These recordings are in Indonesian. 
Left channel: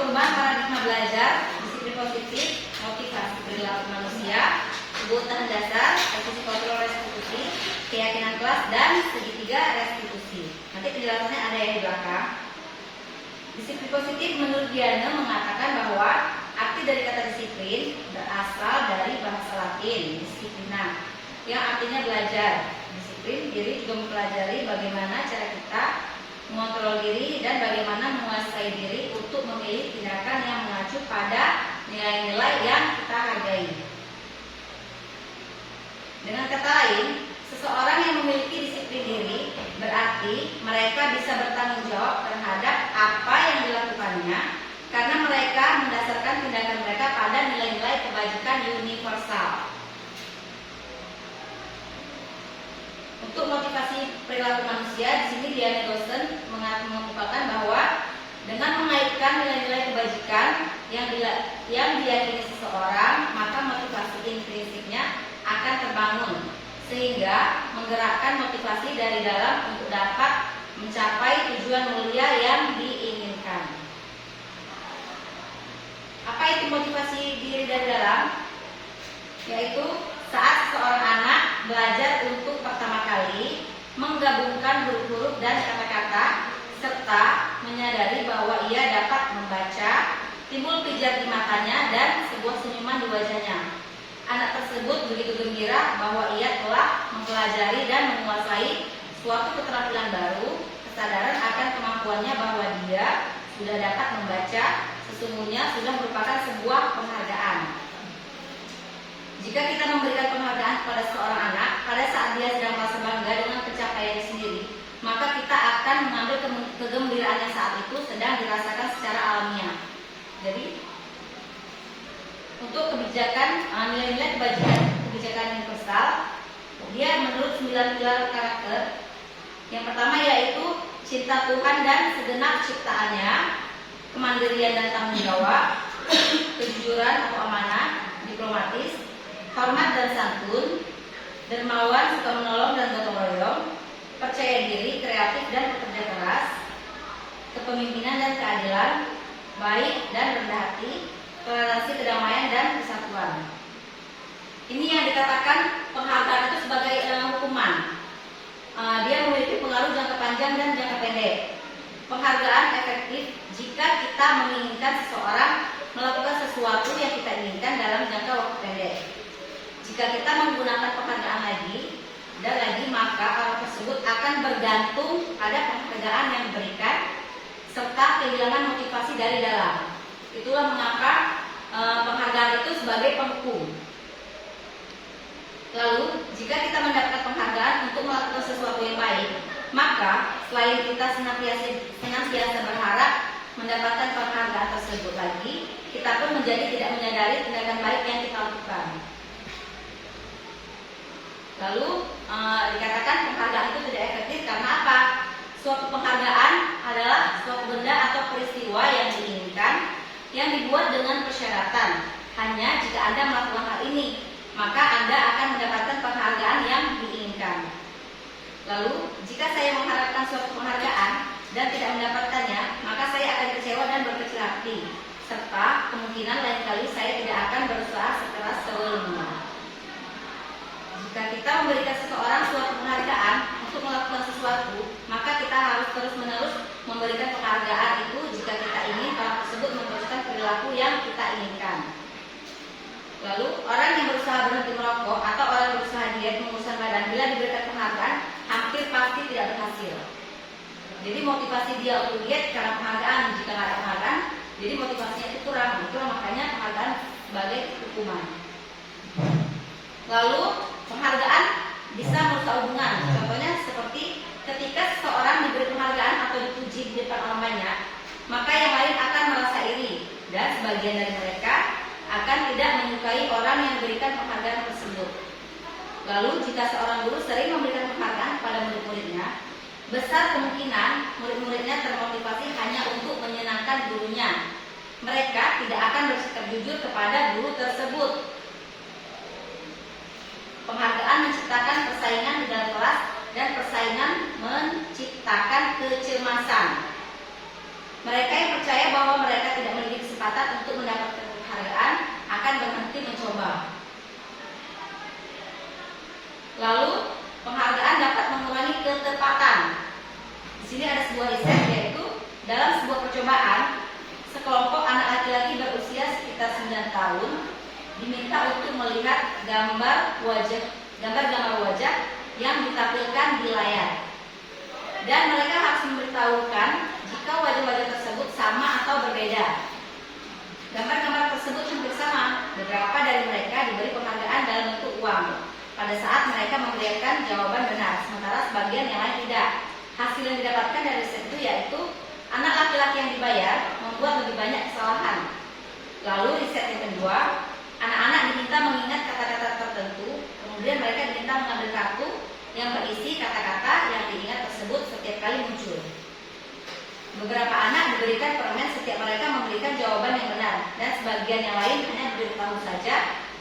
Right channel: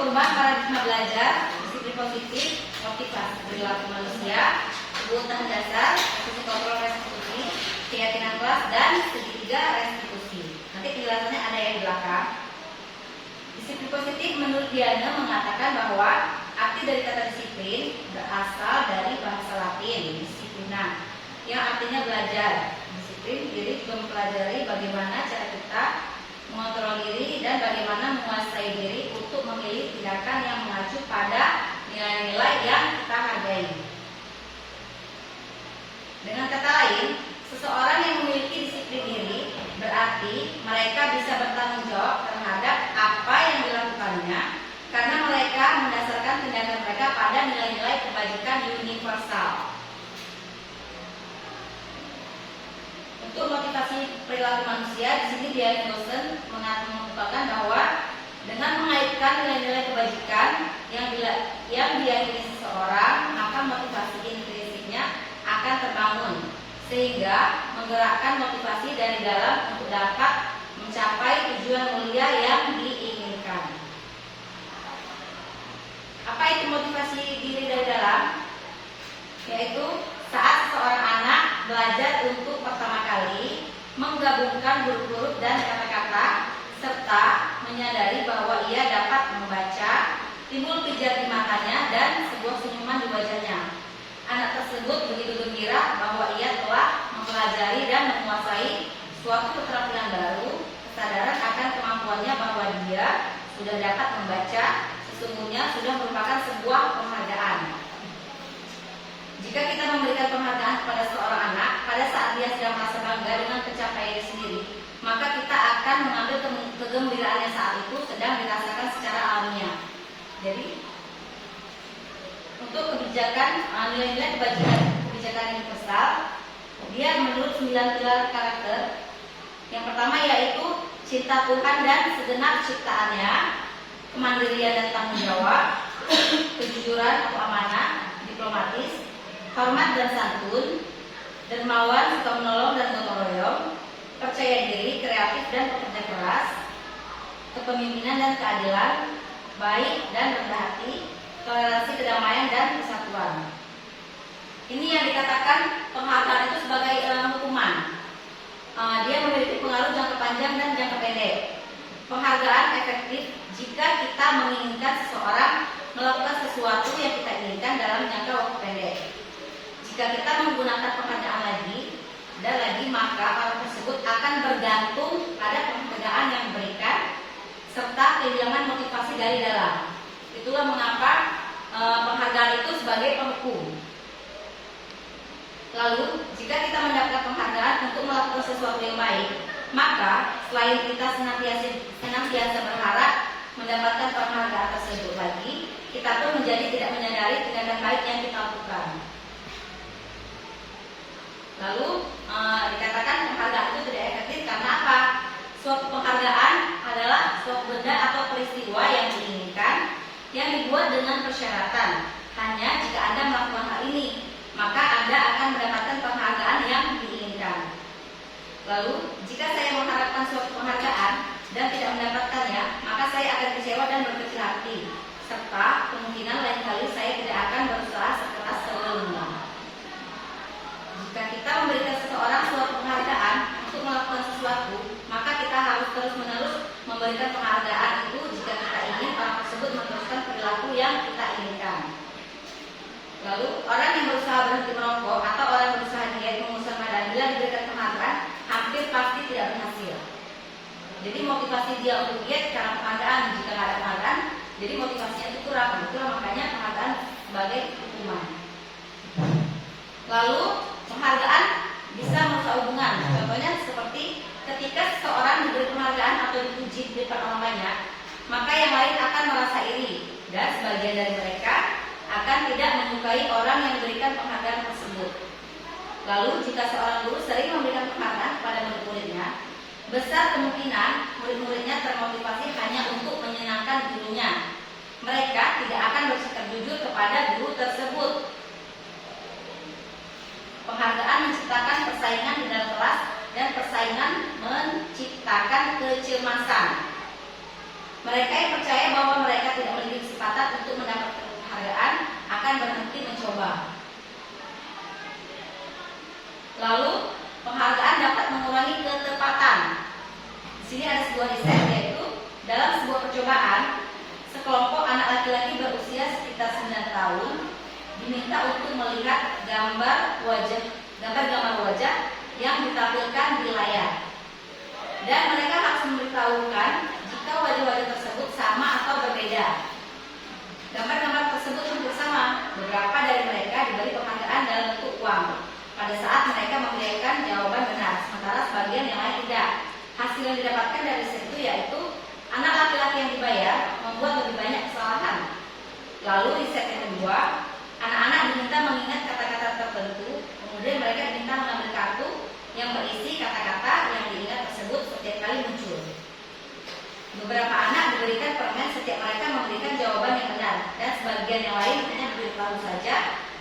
perubahan paradigma belajar, disiplin positif, motivasi perilaku manusia, kebutuhan dasar, posisi kontrol restitusi, keyakinan kelas, dan segitiga restitusi. Nanti penjelasannya ada yang di belakang. Disiplin positif menurut Diana mengatakan bahwa arti dari kata disiplin berasal dari bahasa Latin disiplina, yang artinya belajar. Disiplin diri juga mempelajari bagaimana cara kita mengontrol diri dan bagaimana menguasai diri untuk memilih tindakan yang mengacu pada nilai-nilai yang kita hargai. Dengan kata lain, seseorang yang memiliki disiplin diri berarti mereka bisa bertanggung jawab terhadap apa yang dilakukannya karena mereka mendasarkan tindakan mereka pada nilai-nilai kebajikan universal. Untuk motivasi perilaku manusia, di sini Diana Dawson mengungkapkan bahwa dengan mengaitkan nilai-nilai kebajikan yang diyakini seseorang, maka motivasi intrinsiknya akan terbangun, sehingga menggerakkan motivasi dari dalam untuk dapat mencapai tujuan mulia yang diinginkan. Apa itu motivasi diri dari dalam? Yaitu saat seorang anak belajar untuk pertama kali menggabungkan huruf-huruf dan kata-kata serta menyadari bahwa ia dapat membaca, timbul pijar di matanya dan sebuah senyuman di wajahnya. Anak tersebut begitu gembira bahwa ia telah mempelajari dan menguasai suatu keterampilan baru. Kesadaran akan kemampuannya bahwa dia sudah dapat membaca sesungguhnya sudah merupakan sebuah penghargaan. Jika kita memberikan penghargaan kepada seorang anak pada saat dia sedang merasa bangga dengan pencapaiannya sendiri, maka kita akan mengambil kegembiraannya saat itu sedang dirasakan secara alamiah. Jadi, untuk kebijakan nilai-nilai kebijakan universal, dia menurut 9 pilar karakter. Yang pertama yaitu cinta Tuhan dan segenap ciptaannya, kemandirian dan tanggung jawab, kejujuran atau amanah, diplomatis, hormat dan santun, dermawan, suka menolong dan gotong royong, percaya diri, kreatif dan pekerja keras, kepemimpinan dan keadilan, baik dan rendah hati, toleransi, kedamaian dan kesatuan. Ini yang dikatakan penghargaan itu sebagai hukuman. Dia memiliki pengaruh jangka panjang dan jangka pendek. Penghargaan efektif jika kita menginginkan seseorang melakukan sesuatu yang kita inginkan dalam jangka waktu pendek. Jika kita menggunakan penghargaan lagi dan lagi, maka orang tersebut akan bergantung pada penghargaan yang diberikan serta kehilangan motivasi dari dalam. Itulah mengapa penghargaan itu sebagai penghukum. Lalu, jika kita mendapat penghargaan untuk melakukan sesuatu yang baik, maka selain kita senantiasa berharap mendapatkan penghargaan tersebut lagi, kita pun menjadi tidak menyadari tindakan baik yang kita lakukan. Lalu dikatakan penghargaan itu tidak efektif karena apa? Suatu penghargaan adalah suatu benda atau peristiwa yang diinginkan yang dibuat dengan persyaratan. Hanya jika Anda melakukan hal ini, maka Anda akan mendapatkan penghargaan yang diinginkan. Lalu, jika saya mengharapkan suatu penghargaan dan tidak mendapatkannya, maka saya akan kecewa dan berkecil hati, serta kemungkinan lain kali saya tidak akan berusaha sekeras sebelumnya. Jika kita memberikan seseorang suatu penghargaan untuk melakukan sesuatu, maka kita harus terus-menerus memberikan penghargaan itu jika kita ingin orang tersebut meneruskan perilaku yang kita inginkan. Lalu, orang yang berusaha berhenti merokok atau orang yang berusaha diet menguruskan badan, bila diberikan penghargaan, hampir pasti tidak berhasil. Jadi motivasi dia untuk diet karena penghargaan. Jika tidak ada penghargaan, jadi motivasinya itu kurang. Itulah makanya penghargaan sebagai hukuman. Lalu, penghargaan bisa merusak hubungan. Contohnya seperti ketika seseorang diberi penghargaan atau dipuji di depan orang banyak, maka yang lain akan merasa iri dan sebagian dari mereka akan tidak menyukai orang yang memberikan penghargaan tersebut. Lalu, jika seorang guru sering memberikan penghargaan kepada murid-muridnya, besar kemungkinan murid-muridnya termotivasi hanya untuk menyenangkan gurunya. Mereka tidak akan bersikap jujur kepada guru tersebut. Penghargaan menciptakan persaingan di dalam kelas dan persaingan menciptakan kecemasan. Mereka yang percaya bahwa mereka tidak memiliki kesempatan untuk mendapatkan penghargaan akan berhenti mencoba. Lalu, penghargaan dapat mengurangi ketepatan. Di sini ada sebuah riset, yaitu dalam sebuah percobaan, sekelompok anak laki-laki berusia sekitar 9 tahun diminta untuk melihat gambar wajah yang ditampilkan di layar. Dan mereka harus memberitahukan jika wajah-wajah tersebut sama atau berbeda. Gambar-gambar tersebut hampir sama. Beberapa dari mereka diberi penghargaan dalam bentuk uang pada saat mereka memberikan jawaban benar, sementara sebagian yang lain tidak. Hasil yang didapatkan dari riset itu yaitu anak laki-laki yang dibayar membuat lebih banyak kesalahan. Lalu riset yang kedua, anak-anak diminta mengingat kata-kata tertentu, kemudian mereka diminta mengambil kartu yang berisi kata-kata yang diingat tersebut setiap kali muncul. Beberapa anak diberikan permen setiap mereka memberikan jawaban yang benar, dan sebagian yang lain hanya diberitahu saja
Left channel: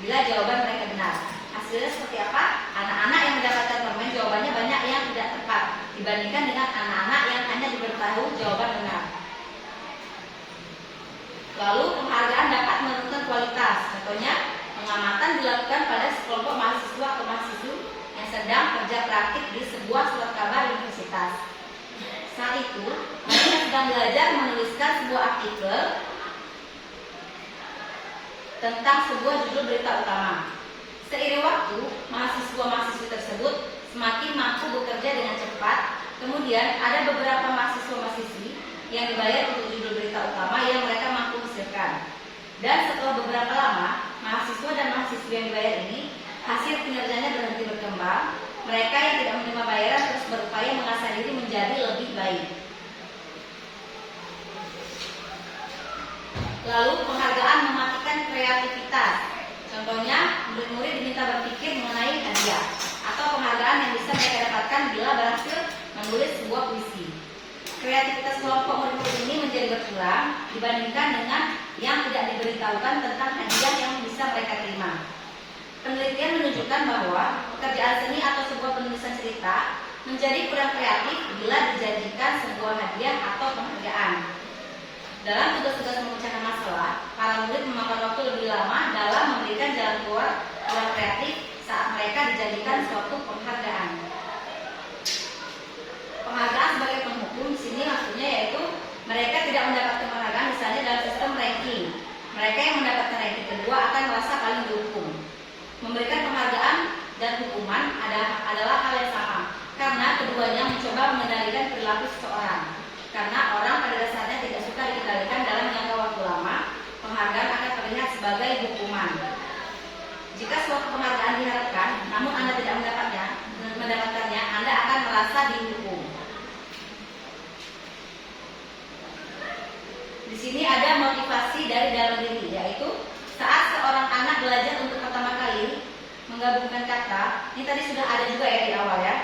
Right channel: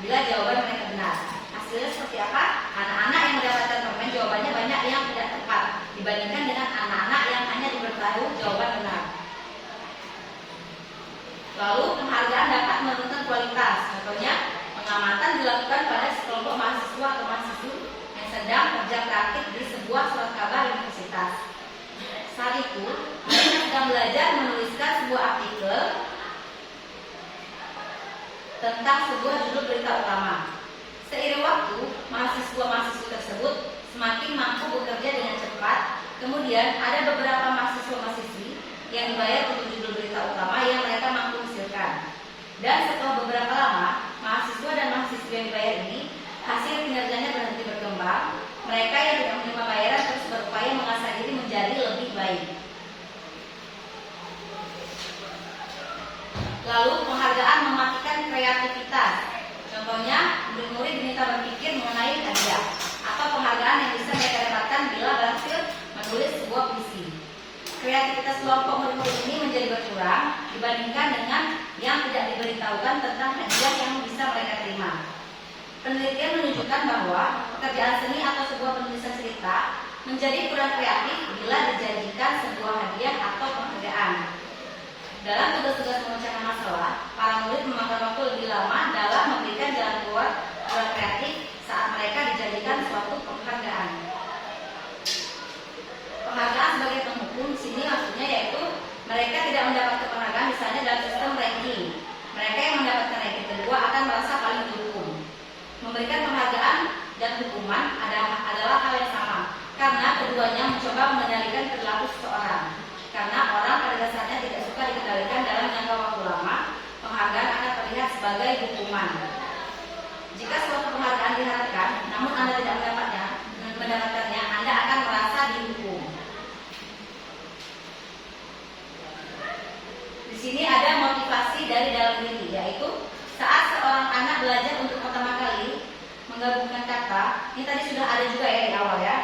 bila jawaban mereka benar. Hasilnya seperti apa? Anak-anak yang mendapatkan permen jawabannya banyak yang tidak tepat dibandingkan dengan anak-anak yang hanya diberitahu jawaban benar. Lalu penghargaan dapat menentukan kualitas. Contohnya, pengamatan dilakukan pada sekelompok mahasiswa atau mahasiswi yang sedang kerja praktik di sebuah surat kabar universitas. Saat itu, mereka sedang belajar menuliskan sebuah artikel tentang sebuah judul berita utama. Seiring waktu, mahasiswa-mahasiswi tersebut semakin mampu bekerja dengan cepat. Kemudian ada beberapa mahasiswa-mahasiswi yang dibayar untuk judul berita utama yang mereka mampu hasilkan. Dan setelah beberapa lama, mahasiswa dan mahasiswi yang dibayar ini hasil kinerjanya berhenti berkembang. Mereka yang tidak menerima bayaran terus berupaya mengasah diri menjadi lebih baik. Lalu penghargaan mematikan kreativitas. Contohnya, murid-murid diminta berpikir mengenai hadiah atau penghargaan yang bisa mereka dapatkan bila berhasil menulis sebuah puisi. Kreativitas kelompok murid-murid ini menjadi berkurang dibandingkan dengan yang tidak diberitahukan tentang hadiah yang bisa mereka terima. Penelitian menunjukkan bahwa pekerjaan seni atau sebuah penulisan cerita menjadi kurang kreatif bila dijanjikan sebuah hadiah atau penghargaan. Dalam tugas-tugas memecahkan masalah, para murid memakan waktu lebih lama dalam memberikan jalan keluar kurang kreatif saat mereka dijanjikan suatu penghargaan. Penghargaan sebagai penghukum di sini maksudnya yaitu mereka tidak mendapatkan penghargaan misalnya dalam sistem ranking. Mereka yang mendapatkan ranking kedua akan merasa paling dihukum. Memberikan penghargaan dan hukuman adalah hal yang sama, karena keduanya mencoba mengendalikan perilaku seseorang. Karena orang pada dasarnya tidak suka dikendalikan dalam jangka waktu lama, penghargaan akan terlihat sebagai hukuman. Jika suatu penghargaan diharapkan, namun Anda tidak mendapatkannya, Anda akan merasa dihukum. Di sini ada motivasi dari dalam diri, yaitu saat seorang anak belajar untuk pertama kali menggabungkan kata, ini tadi sudah ada juga ya di awal ya,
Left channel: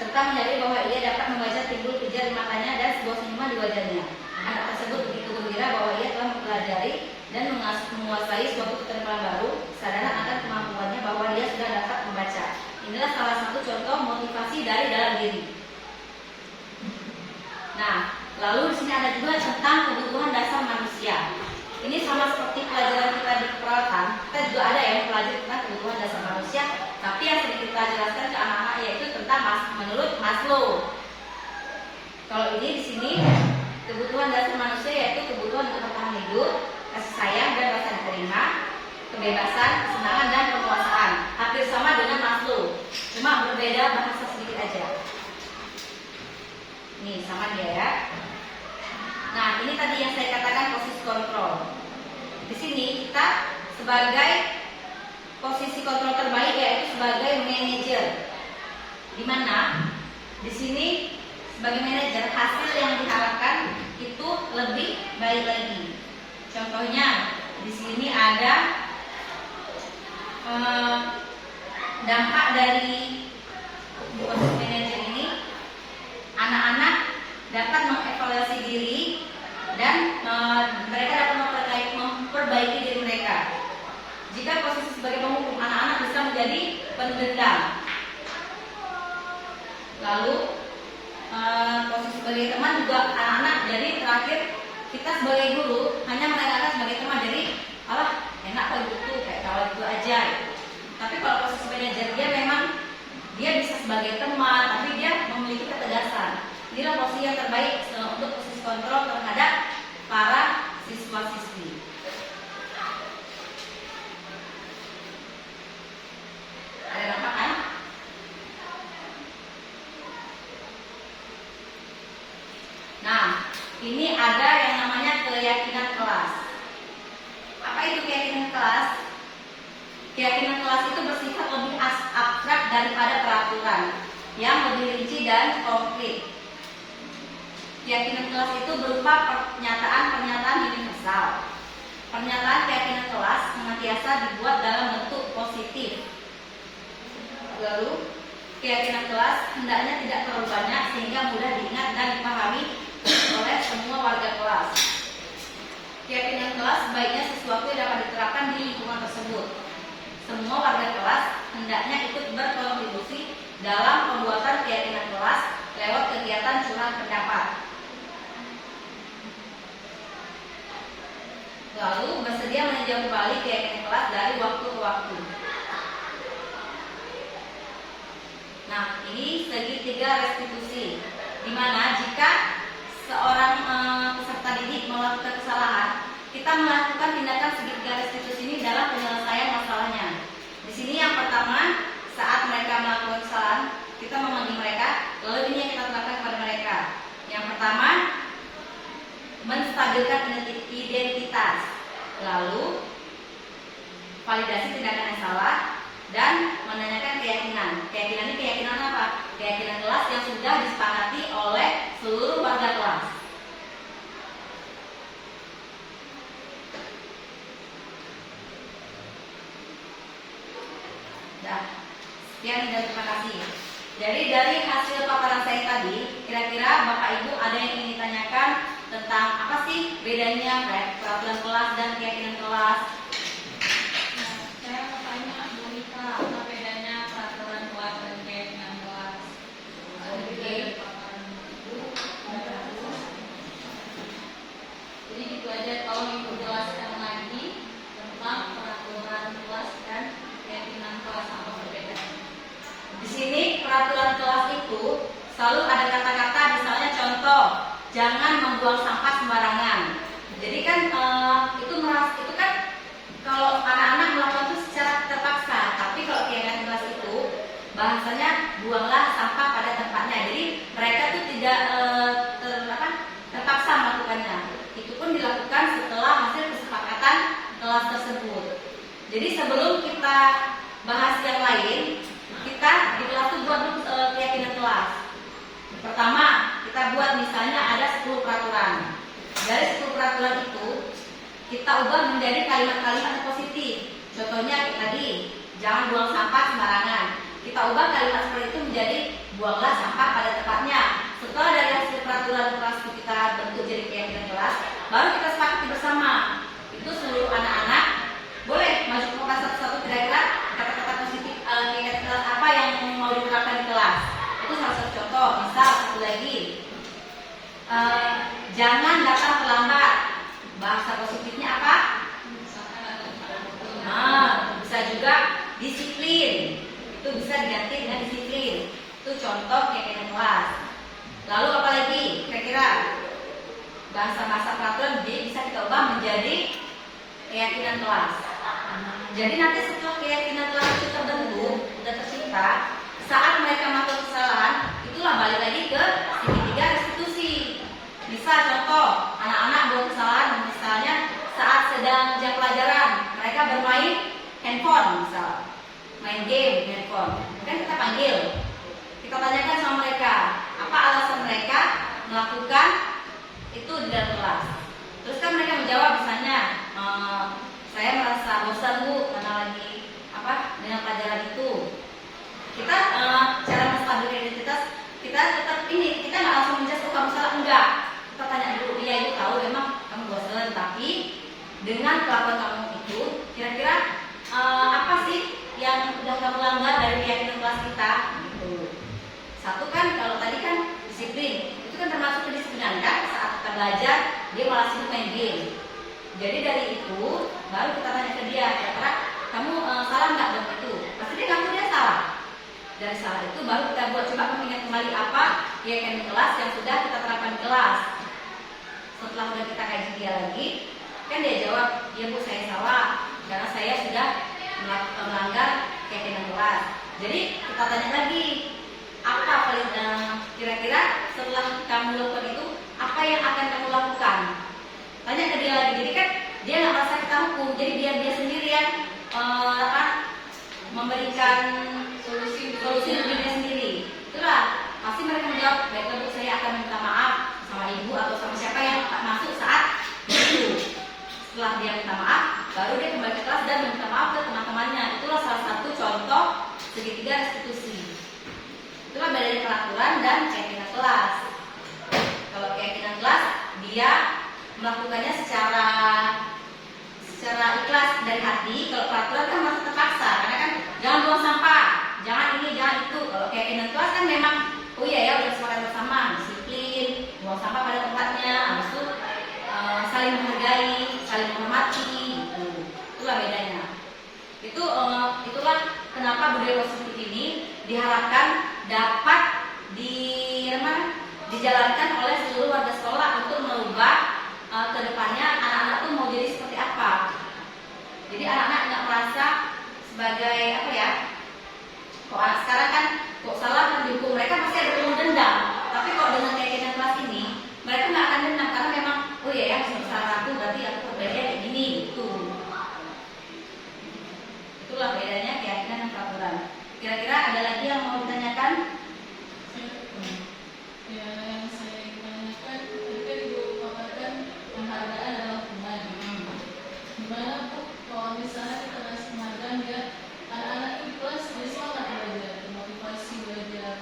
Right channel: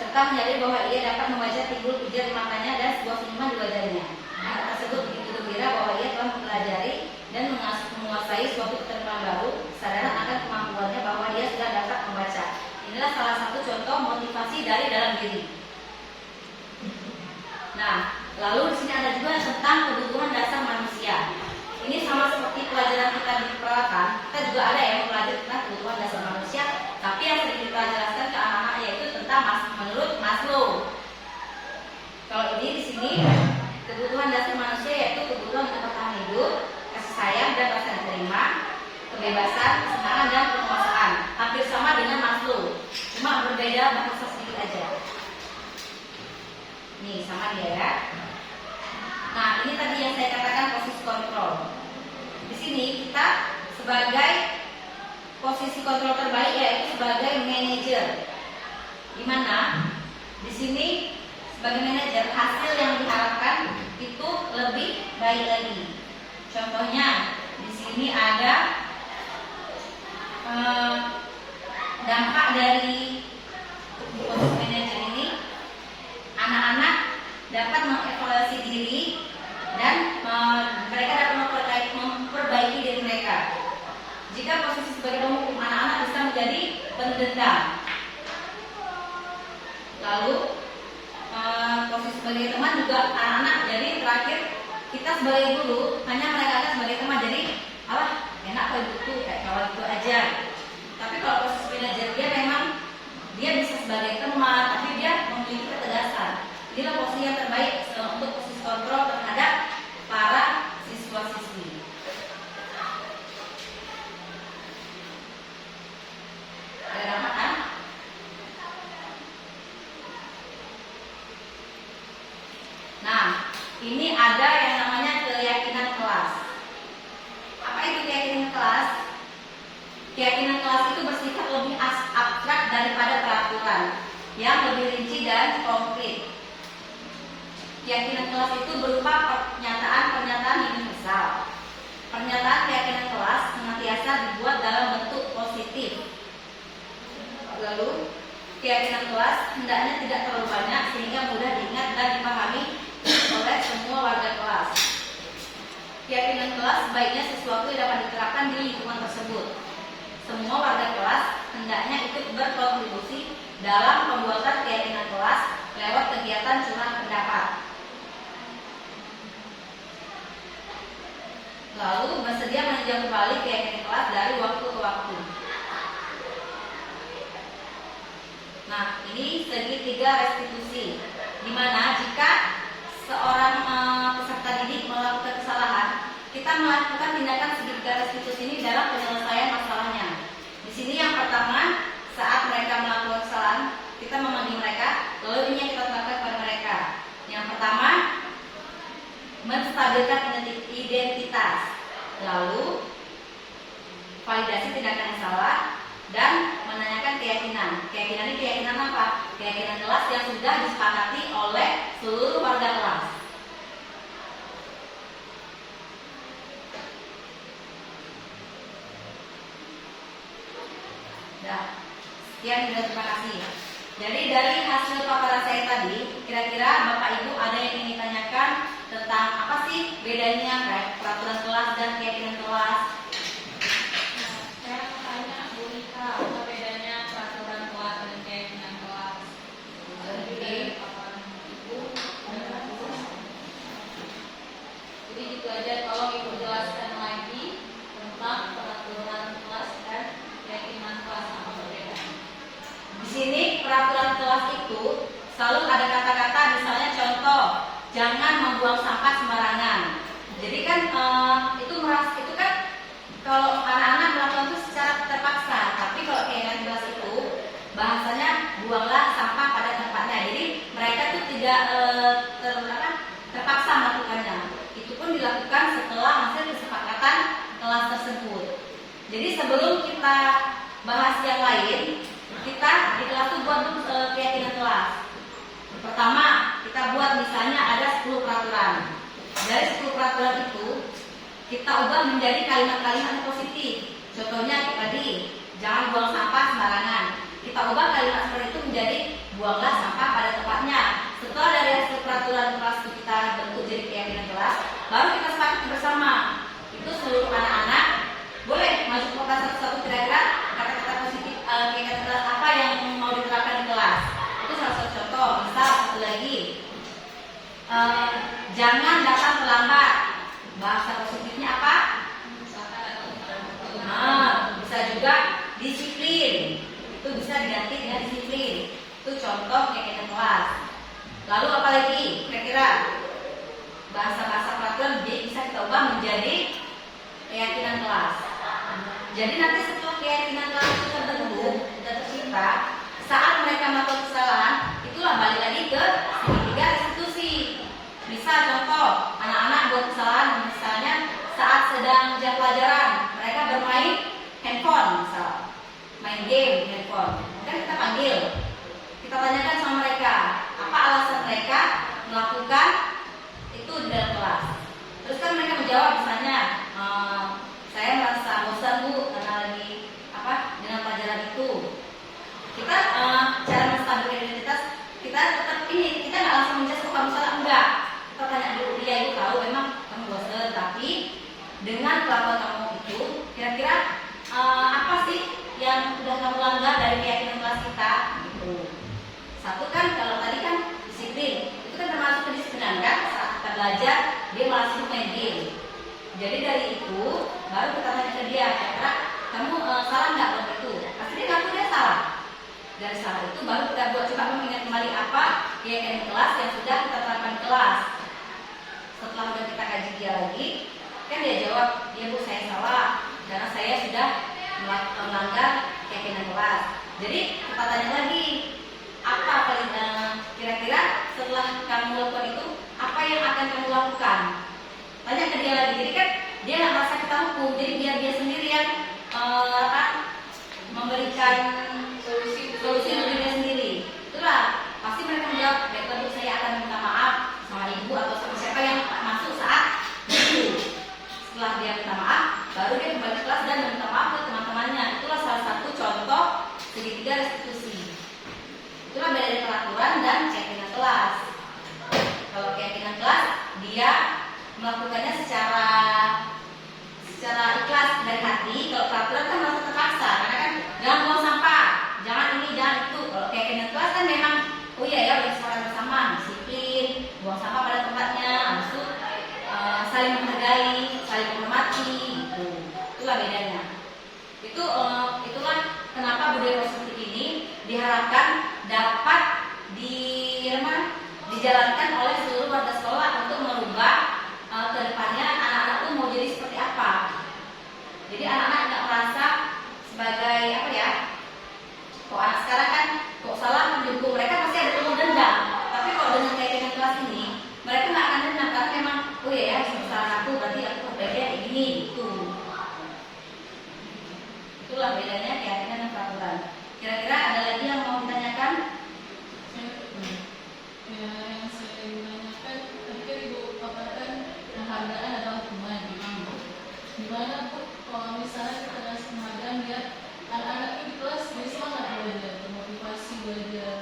serta menyadari bahwa ia dapat membaca timbul pijar di matanya dan sebuah senyuman di wajahnya. Anak tersebut begitu gembira bahwa ia telah mempelajari dan menguasai suatu keterampilan baru, kesadaran akan kemampuannya bahwa dia sudah dapat membaca. Inilah salah satu contoh motivasi dari dalam diri. Nah, lalu di sini ada juga tentang kebutuhan dasar manusia. Ini sama seperti pelajaran kita di perawatan, kita juga ada yang mempelajari tentang kebutuhan dasar manusia, tapi yang sedikit kita jelaskan ke anak-anak yaitu tentang menurut Maslow. Kalau ini di sini kebutuhan dasar manusia yaitu kebutuhan untuk bertahan hidup, kasih sayang dan rasa diterima, kebebasan, kesenangan dan penguasaan. Hampir sama dengan Maslow, cuma berbeda bahasa sedikit aja. Nih sama dia ya. Nah, ini tadi yang saya katakan posisi kontrol. Di sini kita sebagai posisi kontrol terbaik yaitu sebagai manajer. Di mana di sini sebagai manajer hasil yang diharapkan itu lebih baik lagi. Contohnya di sini ada dampak dari posisi manajer ini, anak-anak dapat mengevaluasi diri dan mereka dapat memperbaiki diri mereka. Jika posisi sebagai penghukum, anak-anak bisa menjadi pendendam. Lalu posisi sebagai teman juga anak-anak. Jadi terakhir kita sebagai guru hanya mereka sebagai teman. Jadi enak kalau itu kayak kawan itu aja. Tapi kalau posisi manajer dia memang dia bisa sebagai teman, tapi dia memiliki ketegasan. Inilah posisi yang terbaik untuk posisi kontrol terhadap para siswa-siswi. Ada dampak kan? Nah, ini ada yang namanya keyakinan kelas. Apa itu keyakinan kelas? Keyakinan kelas itu bersifat lebih abstrak daripada peraturan yang lebih rinci dan konkret. Keyakinan kelas itu berupa pernyataan-pernyataan universal. Pernyataan keyakinan kelas senantiasa dibuat dalam bentuk positif. Lalu, keyakinan kelas hendaknya tidak terlalu banyak sehingga mudah diingat dan dipahami oleh semua warga kelas. Keyakinan kelas sebaiknya sesuatu yang dapat diterapkan di lingkungan tersebut. Semua warga kelas hendaknya ikut berkontribusi dalam pembuatan keyakinan kelas lewat kegiatan curah pendapat. Lalu bersedia meninjau kembali keyakinan kelas dari waktu ke waktu. Nah, ini segitiga restitusi, di mana jika seorang peserta didik melakukan kesalahan, kita melakukan tindakan segitiga restitusi ini dalam penyelesaian masalahnya. Di sini yang pertama, saat mereka melakukan kesalahan, kita memanggil mereka, lalu ini yang kita lakukan kepada mereka. Yang pertama, menstabilkan identitas, lalu validasi tindakan yang salah, dan menanyakan keyakinan. Keyakinan ini keyakinan apa? Keyakinan kelas yang sudah disepakati oleh seluruh warga kelas. Sekian dan terima kasih. Jadi dari hasil paparan saya tadi, kira-kira Bapak Ibu ada yang ingin ditanyakan tentang apa sih bedanya kayak peraturan kelas dan keyakinan kelas? Saya mau tanya Bu Rika, apa bedanya peraturan kelas dan keyakinan kelas? Oke. Jadi gitu aja, tolong Ibu jelaskan lagi tentang peraturan kelas dan keyakinan kelas, apa perbedaannya? Di sini peraturan kelas itu selalu ada kata-kata, misalnya contoh, jangan membuang sampah sembarangan. Jadi kan itu kan kalau anak-anak melakukan itu secara terpaksa, tapi kalau keyakinan kelas itu bahasanya buanglah sampah pada tempatnya. Jadi mereka tuh tidak terpaksa melakukannya. Itu pun dilakukan setelah hasil kesepakatan kelas tersebut. Jadi sebelum kita bahas yang lain, kita di kelas itu buat keyakinan kelas. Pertama, kita buat misalnya ada 10 peraturan. Dari 10 peraturan itu kita ubah menjadi kalimat-kalimat yang positif. Contohnya kayak tadi, jangan buang sampah sembarangan. Kita ubah kalimat seperti itu menjadi buanglah sampah pada tempatnya. Setelah dari hasil peraturan kelas kita bentuk jadi keyakinan kelas, baru kita sepakati bersama. Itu seluruh anak-anak boleh masuk ke kelas satu-satu, kira-kira kata-kata positif keyakinan kelas apa yang mau diterapkan di kelas. Itu salah satu contoh. Misal satu lagi, jangan datang terlambat. Bahasa positifnya apa? Bisa juga disiplin. Itu bisa diganti dengan disiplin. Itu contoh keyakinan kelas. Lalu apa lagi? Kira-kira bahasa-bahasa peraturan bisa kita ubah menjadi keyakinan kelas. Jadi nanti setelah keyakinan kelas itu terbentuk dan tercipta, saat mereka melakukan kesalahan, itulah balik lagi ke segitiga restitusi. Misal contoh, anak-anak buat kesalahan misalnya saat sedang jam pelajaran, mereka bermain handphone misal, main game handphone. Kan kita panggil, kita tanyakan sama mereka, apa alasan mereka melakukan itu di dalam kelas. Terus kan mereka menjawab misalnya, saya merasa bosan Bu karena lagi dengan pelajaran itu. Kita cara menstabilkan identitas, kita tetap kita nggak langsung menjawab kamu salah, enggak. Kita tanya dulu, iya Ibu tahu memang kamu bosan, tapi dengan kelakuan kamu itu, kira-kira apa sih yang sudah kamu langgar dari keyakinan kelas kita? Gitu. Satu kan kalau tadi kan disiplin. belajar, dia malah sibuk main game. Jadi dari itu baru kita tanya ke dia, kira-kira kamu salah nggak dengan itu? Pasti dia ngaku dia salah. Dari salah itu baru kita buat coba mengingat kembali apa keyakinan kelas yang sudah kita terapkan di kelas. Setelah udah kita kaji dia lagi, kan dia jawab, ya Bu saya salah karena saya sudah melanggar keyakinan kelas. Jadi kita tanya lagi, apa kira-kira setelah kamu lakukan itu, apa yang akan kamu lakukan? Tanya ke dia lagi. Jadi kan dia nggak merasa kita hukum, jadi biar dia sendiri yang memberikan solusi untuk dirinya sendiri. Itulah pasti mereka menjawab, baiklah Bu saya akan minta maaf sama ibu atau sama siapa yang masuk saat itu. Setelah dia minta maaf, baru dia kembali ke kelas dan minta maaf ke teman-temannya. Itulah salah satu contoh segitiga restitusi. Itulah bedanya peraturan dan keyakinan kelas. Kalau keyakinan kelas, dia melakukannya secara ikhlas dari hati. Kalau peraturan kan masuk terpaksa, karena kan jangan buang sampah, jangan ini, jangan itu. Kalau keyakinan kelas kan memang, oh iya ya, udah sepakat bersama, disiplin, buang sampah pada tempatnya, habis itu saling menghargai, saling menghormati, gitu. Itulah bedanya. Itulah kenapa budaya positif ini diharapkan dapat dijalankan oleh seluruh warga sekolah untuk merubah kedepannya anak-anak tuh mau jadi seperti apa. Jadi anak-anak nggak merasa sebagai apa ya? Kok anak sekarang kan kok salah mendukung, mereka masih ada ilmu dendam. Tapi kalau dengan keyakinan kelas ini, mereka nggak akan dendam karena memang oh iya ya salah aku berarti aku berbeda kayak gini gitu. Itulah bedanya keyakinan dan peraturan. Kira-kira ada lagi yang mau ditanyakan? Yang saya tanyakan, tadi kan Ibu katakan penghargaan adalah teman. Gimana Bu kalau misalnya kita kasih penghargaan biar anak-anak ini kelas jadi semangat belajar, termotivasi belajar?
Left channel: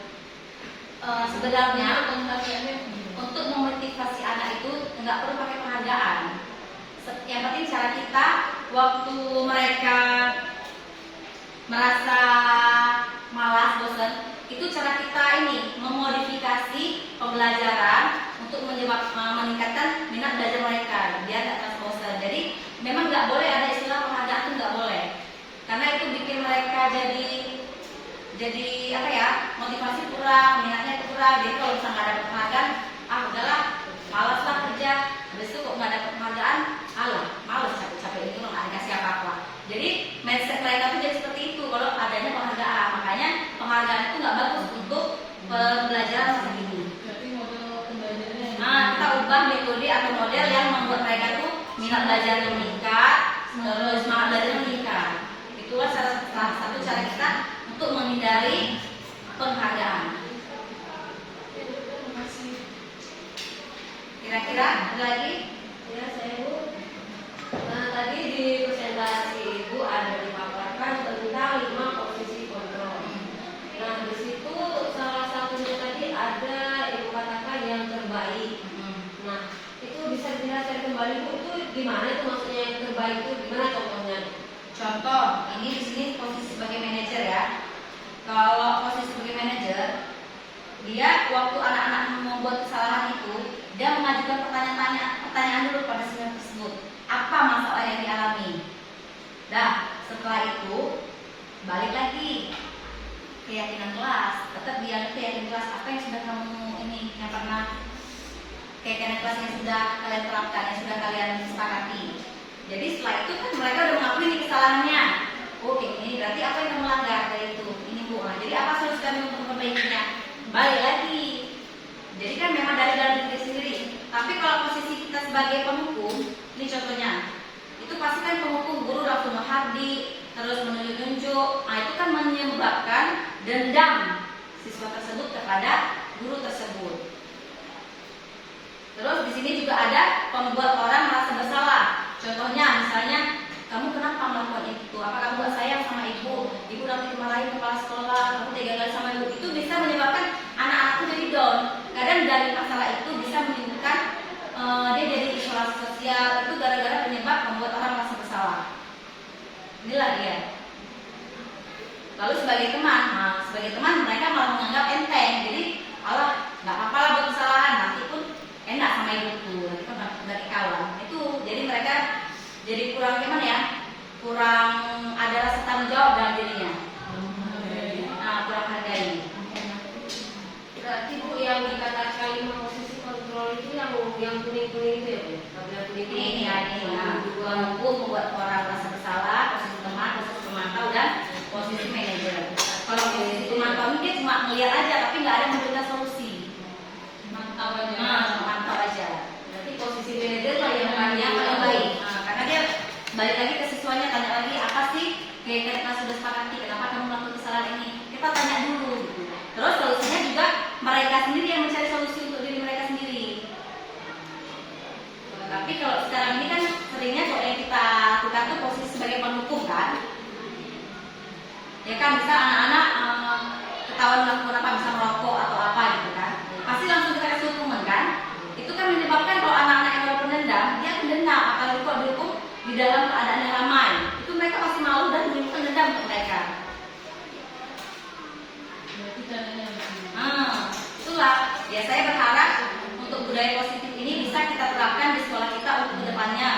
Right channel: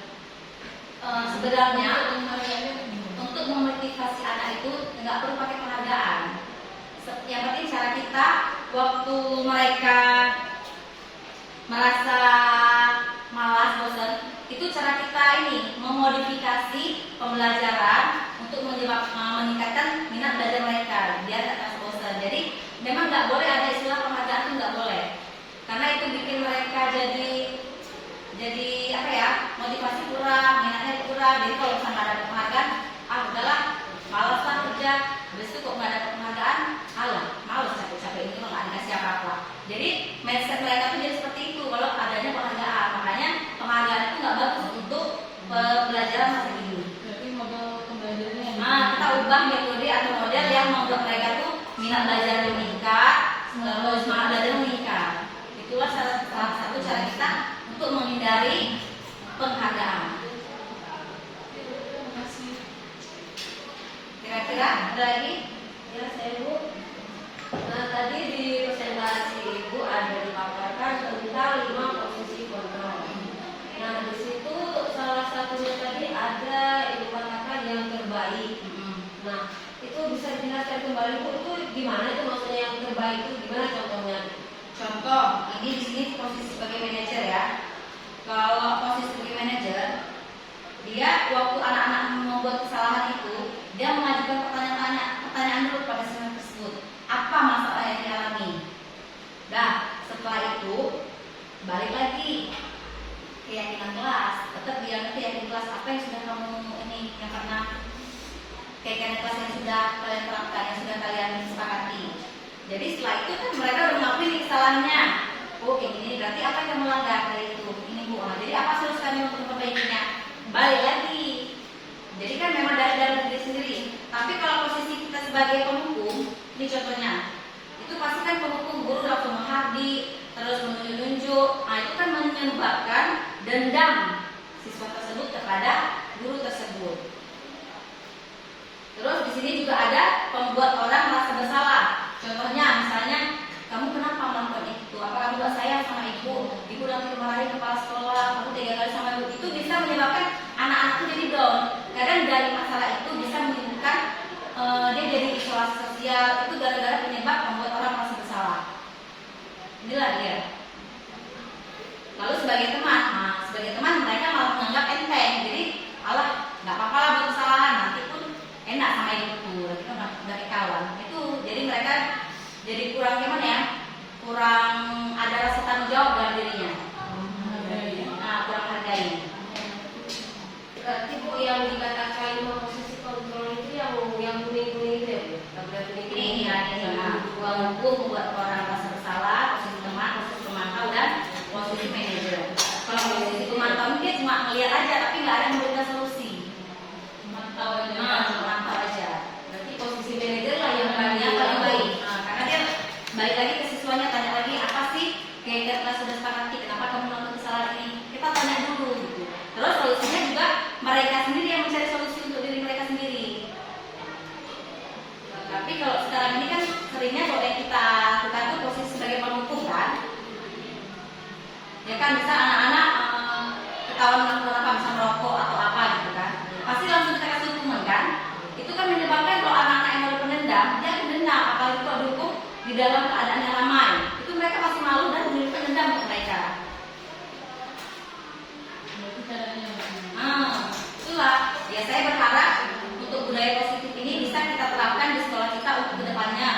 Sebenarnya penghargaannya untuk memotivasi anak itu nggak perlu pakai penghargaan. Yang penting cara kita waktu mereka merasa malas, bosan, itu cara kita ini memodifikasi pembelajaran untuk meningkatkan minat belajar mereka biar nggak terasa bosan. Jadi memang nggak boleh ada istilah penghargaan, itu nggak boleh, karena itu bikin mereka jadi apa ya, motivasi kurang, minatnya kurang. Jadi kalau sama ada penghargaan, udahlah malas lah kerja, habis itu kok nggak ada penghargaan, malas capek-capek ini kok nggak dikasih apa-apa. Jadi mindset mereka tuh jadi seperti itu kalau adanya penghargaan. Makanya penghargaan itu nggak bagus untuk pembelajaran masa kini. berarti model pembelajarannya. Kita ubah metode atau model yang membuat mereka tuh minat belajar meningkat, semangat belajar meningkat. Itulah salah satu cara kita untuk menghindari penghargaan. Terima kasih. Kira-kira ada lagi? Ya, saya Bu. Tadi di presentasi Ibu ada dipaparkan tentang 5 posisi kontrol. Nah, di situ salah satunya tadi ada Ibu katakan yang terbaik. Nah, itu bisa dijelaskan kembali Bu, itu gimana itu maksudnya yang terbaik itu gimana contohnya? Contoh, ini di sini posisi sebagai manajer ya. Kalau posisi sebagai manajer, dia waktu anak-anak membuat kesalahan itu, dia mengajukan pertanyaan dulu pada siswa tersebut. Apa masalah yang dialami? Nah, setelah itu balik lagi keyakinan kelas. Tetap dia keyakinan kelas apa yang sudah kamu ini yang pernah keyakinan kelas yang sudah kalian terapkan, yang sudah kalian sepakati. Jadi setelah itu kan mereka udah mengakui kesalahannya. Oh kayak gini, berarti apa yang kamu langgar dari itu? Ini Bu. Jadi apa solusi kami untuk memperbaikinya? Balik lagi. Jadi kan memang dari dalam diri sendiri. Tapi kalau posisi kita sebagai penghukum, ini contohnya, itu pasti kan penghukum guru langsung menghardi, terus menunjuk. Nah itu kan menyebabkan dendam siswa tersebut kepada guru tersebut. Terus di sini juga ada membuat orang merasa bersalah. Contohnya misalnya, kamu kenapa melakukan itu? Apa kamu gak sayang sama ibu? Ibu nanti dimarahin kepala sekolah, kamu tega kali sama ibu. Itu bisa menyebabkan anak-anak itu jadi down. Kadang dari masalah itu bisa menimbulkan dia jadi isolasi sosial. Itu gara-gara penyebab membuat orang merasa bersalah. Inilah dia. Lalu sebagai teman, mereka malah menganggap enteng. Jadi, nggak apa-apa lah buat kesalahan, nanti pun enak sama ibuku. yang kuning-kuning itu ya, Bu? Tabel yang kuning-kuning. Ini ya, ini ya. Pengukur membuat orang merasa bersalah, posisi teman, posisi pemantau, dan posisi manajer. Kalau posisi pemantau ini dia cuma melihat aja, tapi nggak ada yang memberikan solusi. Mantau aja. Mantau aja. Berarti posisi manajer lah yang Paling baik. Karena dia balik lagi ke siswanya, tanya lagi apa sih kayak kita sudah sepakati, kenapa kamu melakukan kesalahan ini? Kita tanya dulu gitu. Terus solusinya juga mereka sendiri yang mencari solusi untuk diri mereka sendiri. Tapi kalau sekarang ini kan seringnya kalau yang kita lakukan tuh posisi sebagai penghukum kan. Ya kan, misal anak-anak ketahuan melakukan apa, misal merokok atau apa gitu kan, pasti langsung kita kasih hukuman kan. Itu kan menyebabkan kalau anak-anak yang baru pendendam, dia akan dendam apalagi kalau dihukum di dalam keadaan yang ramai. Itu mereka pasti malu dan menimbulkan dendam untuk mereka. Berarti caranya begini. Itulah. Ya saya berharap untuk budaya positif ini bisa kita terapkan di sekolah kita untuk kedepannya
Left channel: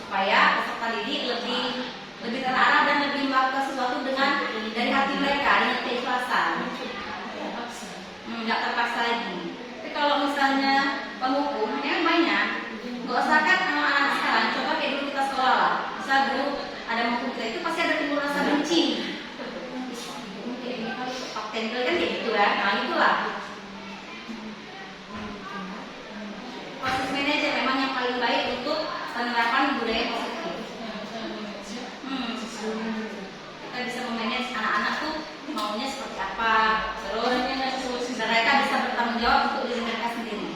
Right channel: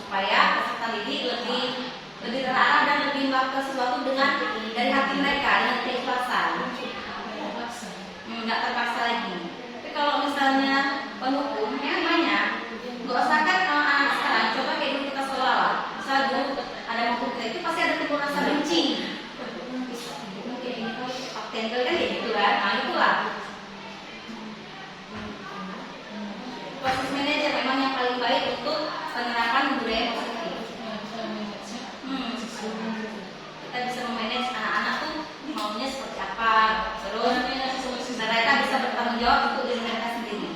supaya peserta didik lebih terarah dan lebih melakukan sesuatu dengan dari hati mereka dengan keikhlasan. Terpaksa. Nggak terpaksa lagi. Tapi kalau misalnya penghukum yang banyak, nggak usah kan anak-anak sekarang. Coba kayak dulu kita sekolah lah. Misal dulu ada menghukum kita itu pasti ada timbul rasa benci. Kayak ini kan pak tengkel kan kayak gitu kan. Nah itulah. Proses manajer memang yang paling baik untuk penerapan budaya positif. Nah, kita manage-nya. Kita bisa memanage anak-anak tuh maunya seperti apa, terus Solusi. mereka bisa bertanggung jawab untuk diri mereka sendiri.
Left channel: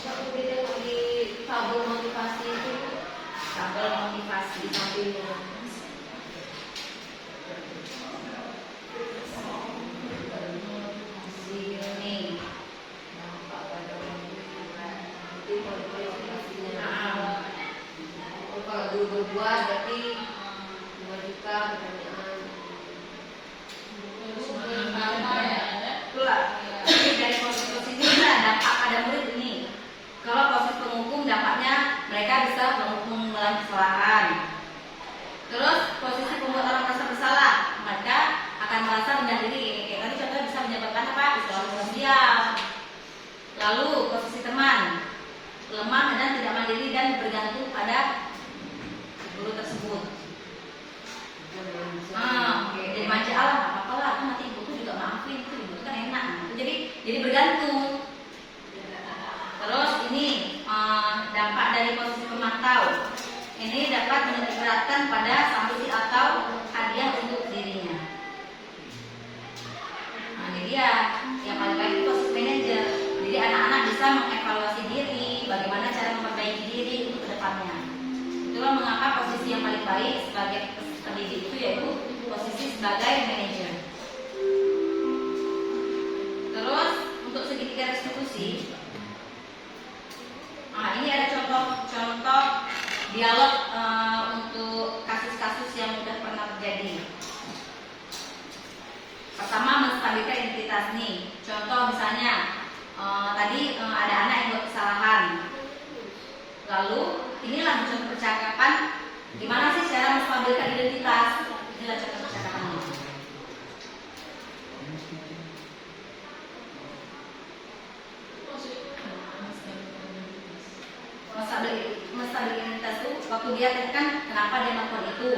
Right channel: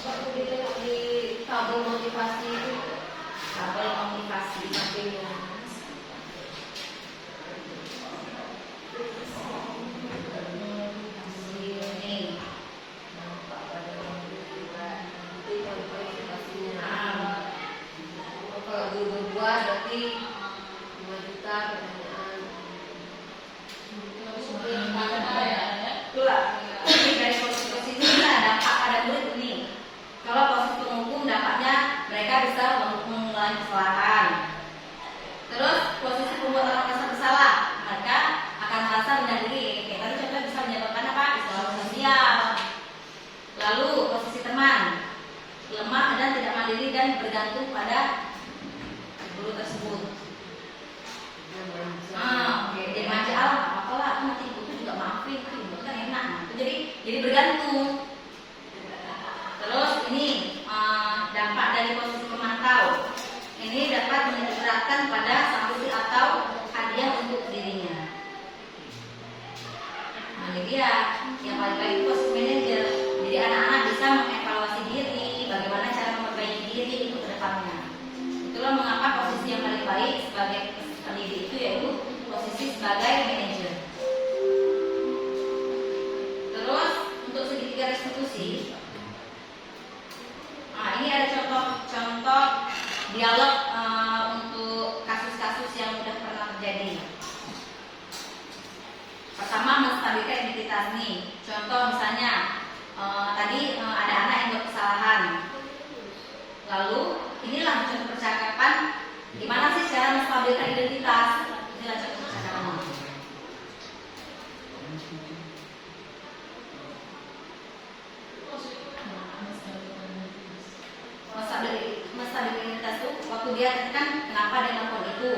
Kalau di tabel motivasi itu, Tabel motivasi tabelnya. ini. Kalau dulu berbuat berarti 2 juta pertanyaan. Terus mengangkat ya. Itulah. Jadi dari posisi ini ada dampak pada murid ini. Kalau posisi penghukum dampaknya mereka bisa mengulangi kesalahan. Terus posisi pembuat orang merasa bersalah, mereka akan merasa rendah diri. Kayak tadi contoh bisa menyebabkan apa? Isolasi sosial. Lalu posisi teman, lemah dan tidak mandiri dan bergantung pada guru tersebut. Oke. Jadi manja Allah, apa lah, aku mati ibu tuh juga maafin, itu ibu kan enak. Itu jadi bergantung. Terus ini dampak dari posisi pemantau. Ini dapat menitikberatkan pada sanksi atau hadiah untuk dirinya. Nah, jadi ya yang paling baik itu posisi manajer. Jadi anak-anak bisa mengevaluasi diri, bagaimana cara memperbaiki diri untuk kedepannya. Itulah mengapa posisi yang paling baik sebagai pendidik itu yaitu posisi sebagai manajer. Terus untuk segitiga restitusi, ini ada contoh dialog untuk kasus-kasus yang sudah pernah terjadi. Pertama, menstabilkan identitas nih. Contoh misalnya tadi ada anak yang buat kesalahan. Lalu inilah contoh percakapan gimana sih cara menstabilkan identitas. Inilah contoh percakapannya. Menstabilkan identitas itu waktu dia kan kenapa dia melakukan itu.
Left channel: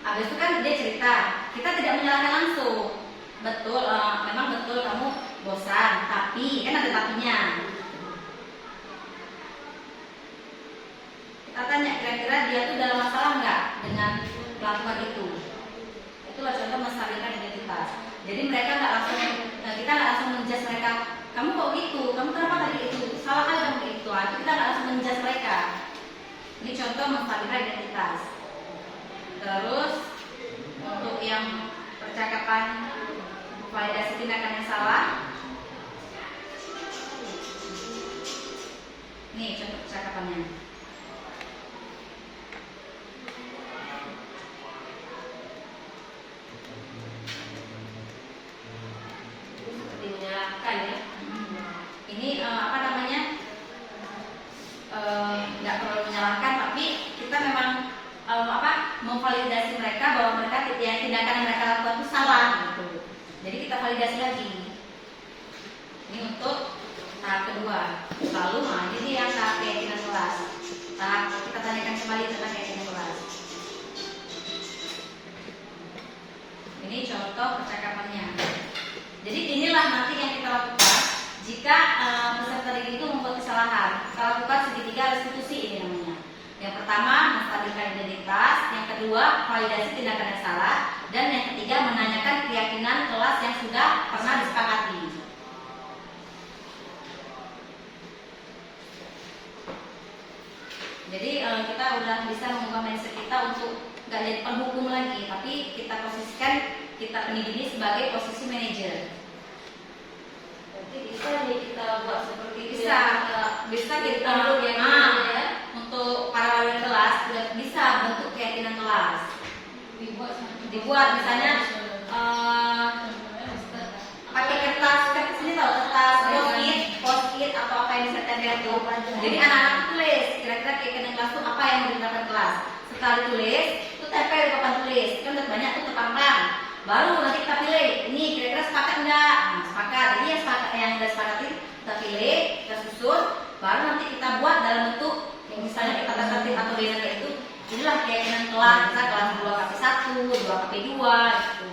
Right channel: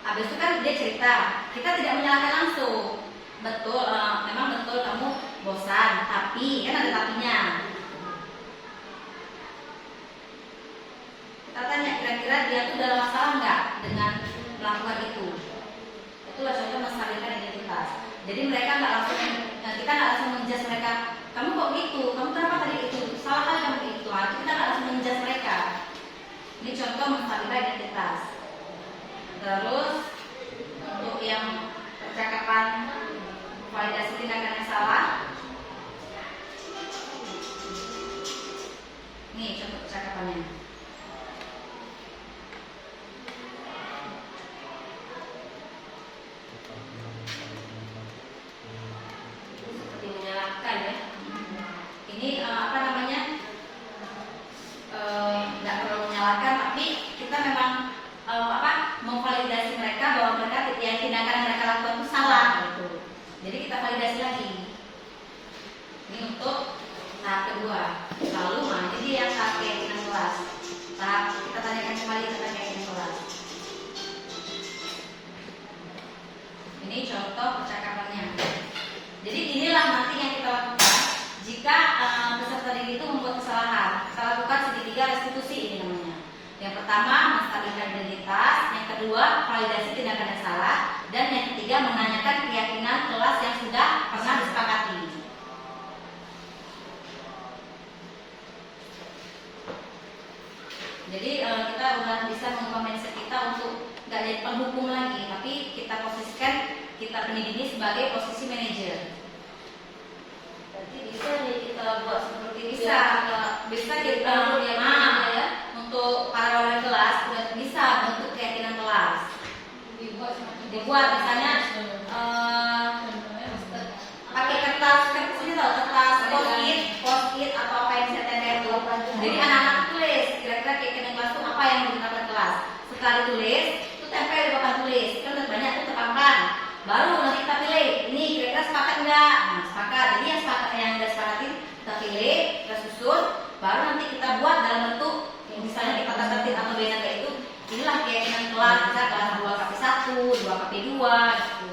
Habis itu kan dia cerita, kita tidak menyalahkan langsung. Betul, memang betul kamu bosan, tapi kan ada tapinya. Kita tanya kira-kira dia tuh dalam masalah nggak dengan melakukan itu. Itulah contoh menstabilkan identitas. Jadi mereka nggak langsung, kita nggak langsung menjudge mereka. Kamu kok gitu? Kamu kenapa tadi itu? Salah kali kamu itu. Kita nggak langsung menjudge mereka. Ini contoh menstabilkan identitas. Terus untuk yang percakapan validasi tindakan yang salah, ini contoh percakapannya. Seperti menyalahkan ya. Ini apa namanya? Nggak perlu menyalahkan, tapi kita memang memvalidasi mereka bahwa mereka yang tindakan yang mereka lakukan itu salah gitu. Jadi kita validasi lagi. Ini untuk tahap kedua. kedua. Lalu jadi yang tahap keyakinan kelas. Tahap kita tanyakan kembali tentang keyakinan kelas. Ini contoh percakapannya. Jadi inilah nanti yang kita lakukan jika peserta didik itu membuat kesalahan. Kita lakukan segitiga restitusi ini namanya. Yang pertama, menstabilkan identitas. Yang kedua, validasi tindakan yang salah. Dan yang ketiga, menanyakan keyakinan kelas yang sudah pernah disepakati. Jadi kita udah bisa mengubah mindset kita untuk nggak jadi penghukum lagi, tapi kita posisikan kita pendidik ini sebagai posisi manajer. Berarti bisa nih kita buat seperti itu. Bisa kita untuk para wali kelas sudah bisa bentuk keyakinan kelas. Dibuat misalnya pakai kertas ini tahu kertas post-it atau apa yang bisa tempel itu. Jadi anak-anak tulis kira-kira keyakinan kelas itu apa yang mau diterapkan kelas. Setelah ditulis itu tempel di papan tulis. Kan udah banyak tuh terpampang. Baru nanti kita pilih ini kira-kira sepakat enggak? Nah, sepakat. Jadi yang udah sepakati kita pilih, kita susun. Baru nanti kita buat dalam bentuk yang misalnya kita tertib atau beda kayak itu. Inilah keyakinan kelas. Kita kelas 2 KP1, 2 KP2 gitu.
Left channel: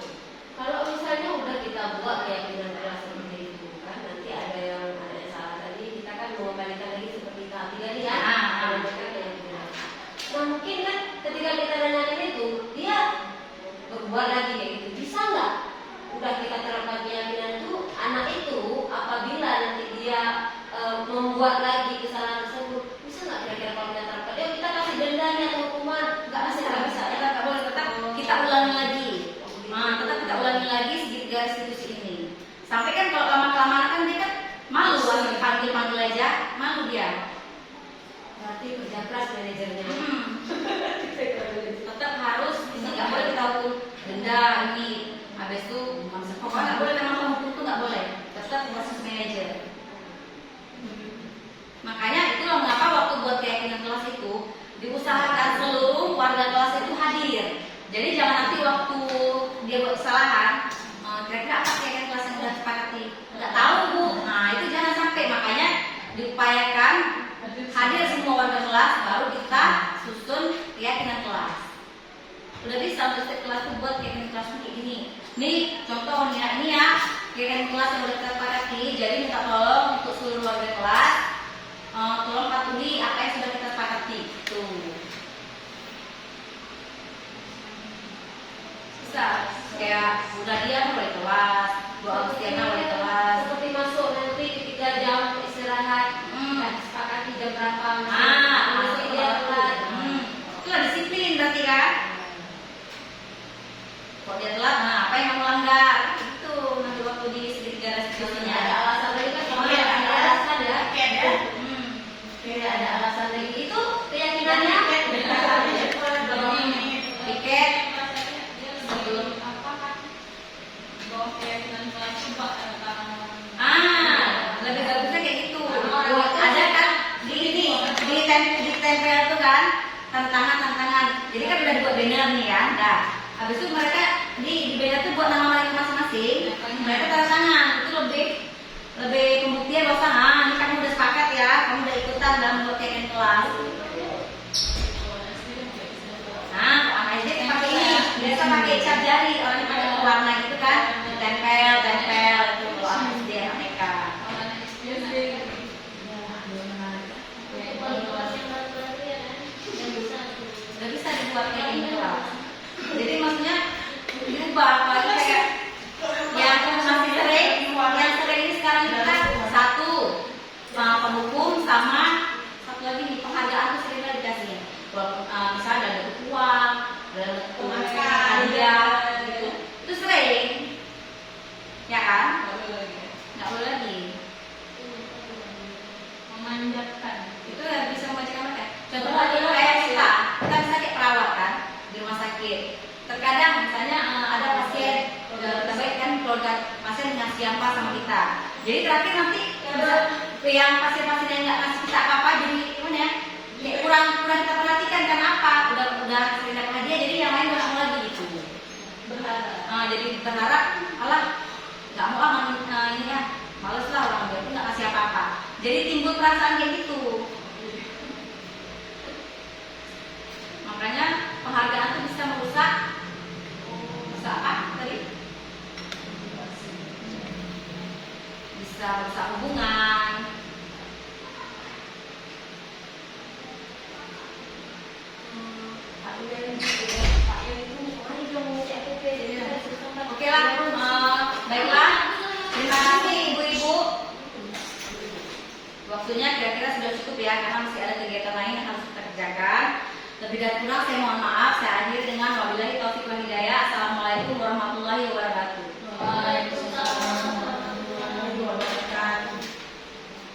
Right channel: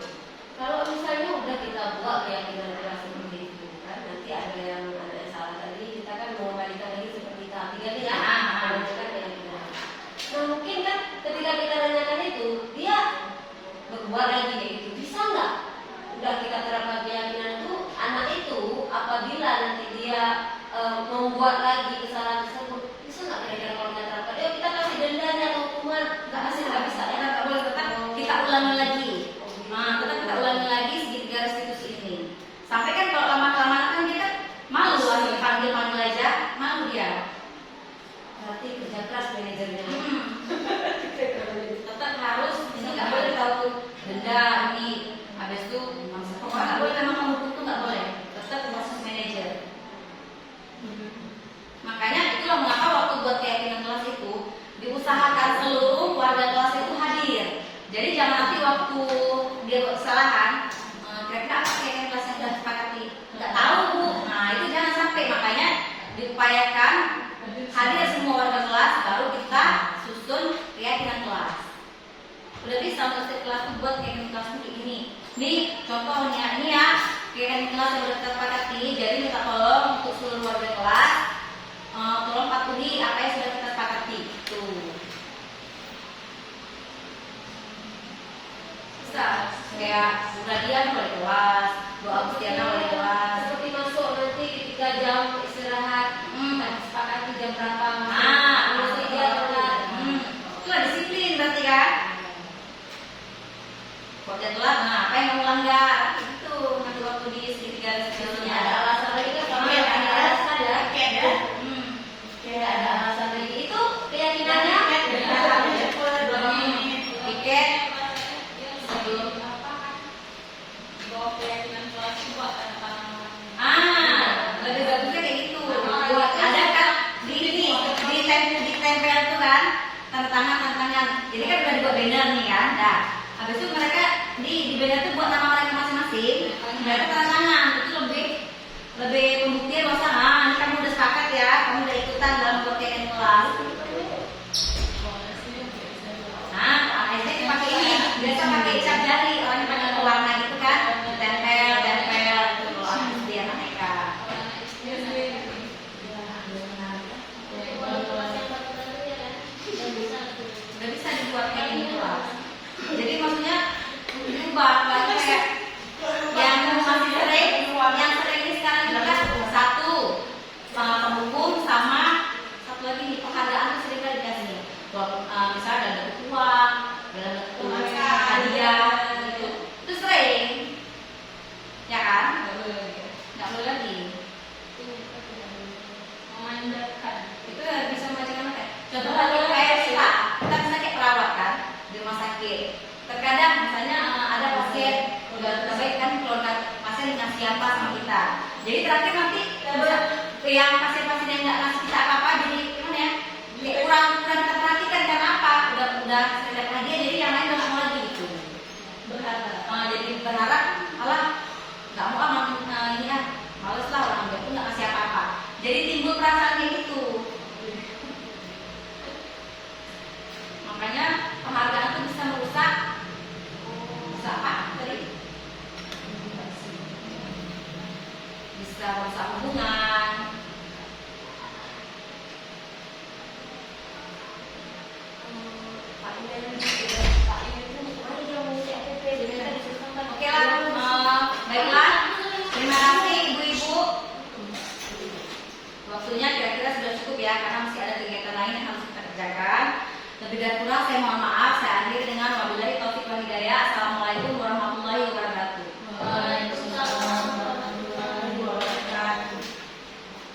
Kalau misalnya udah kita buat keyakinan kelas seperti itu kan nanti ada yang salah tadi kita kan mau balikan lagi seperti tahap 3 nih ya. Nah, mungkin kan ketika kita nanyakan itu dia berbuat lagi kayak gitu bisa nggak? Udah kita terapkan keyakinan itu anak itu apabila nanti dia membuat lagi kesalahan tersebut bisa nggak kira-kira kalau kita terapkan? Ya kita kasih dendanya atau hukuman nggak bisa Kita nggak boleh tetap kita ulangi lagi. Tetap kita ulangi lagi segitiga restitusi ini. Sampai kan kalau lama-kelamaan kan dia kan malu panggil aja malu dia. berarti kerja keras manajernya. Tetap harus ini nggak boleh kita hukum denda ini. Habis itu pokoknya nggak boleh memang menghukum itu nggak boleh. Tetap proses manajer. Makanya itulah mengapa waktu buat keyakinan kelas itu diusahakan seluruh warga kelas itu hadir. Jadi jangan nanti waktu dia buat kesalahan, kira-kira apa keyakinan kelas yang sudah disepakati? Nggak tahu bu. Nah itu jangan sampai. Makanya diupayakan hadir semua warga kelas, baru kita susun keyakinan kelas. Udah bisa untuk setiap kelas itu buat keyakinan kelas kayak gini. Nih contoh nih ya, ini ya keyakinan kelas yang sudah kita sepakati. Jadi minta tolong untuk seluruh warga kelas. Tolong patuhi apa yang sudah kita sepakati. Tuh. Bisa. Kayak udah dia boleh kelas, Bu Agustiana boleh kelas. Seperti masuk nanti ketika jam istirahat, sepakati jam berapa? Masuk dia telat. Itulah disiplin berarti kan? Kalau dia telat, apa yang mau melanggar? Itu nanti waktu di segitiga restitusinya. Ada alasan lagi kan? Ada alasan ya? Tidak ada alasan lagi itu keyakinannya. Piket sebelum keyakinan kelas buat lebih bagusnya kayak gitu. Ada kan di tempel itu kan tantangan. Jadi kan udah dibuat banner nih kan. Nah, habis itu mereka di banner itu buat nama mereka masing-masing. Mereka tanda tangan itu lebih pembuktian bahwa ini kamu udah sepakat ya, kamu udah ikutan dalam buat keyakinan kelas. Nah, orang SD pakai ini, biasa pakai cat jari, orang ini pakai warna gitu kan, tempel itu kalau anak SD anak TK. Udah bisa dibuat kayak gini kelas. Jadi maksudnya diubah, apalagi kayak yang masih sering, yang sering ini sekarang kita satu sama penghukum sama satu lagi nih penghargaan tuh sering banget dikasihnya. Misalnya ada uang, ada hadiah, gitu. Itu sering, ya kan? Nggak boleh lagi. memanjakan. Itu bisa membacakan kayak contoh kayak kita bisa kayak perawat kan di rumah sakit. Terkadang misalnya ada pasien udah terbaik kan keluarga pasien ngasih apa sama kita. Jadi terakhir nanti yang pasien-pasien yang nggak ngasih kita apa-apa jadi gimana ya? Kayak kurang kita perhatikan karena apa? Udah sering dapat hadiah jadi yang lain nggak mau lagi gitu. Jadi berharap Allah nggak mau ini ya males lah orang nggak ngasih apa-apa. Jadi timbul perasaan kayak gitu. Makanya penghargaan itu bisa merusak apa tadi? Bisa merusak hubungan. Oke lah, baiklah. Terima kasih ibu-ibu. Waktunya kira-kira sudah cukup ya, karena masih ada kegiatan lain yang harus kita kerjakan. Lebih dan kurang saya mohon maaf. Saya akhiri dengan wabillahi taufiq wal hidayah. Assalamualaikum warahmatullahi wabarakatuh. Waalaikumsalam.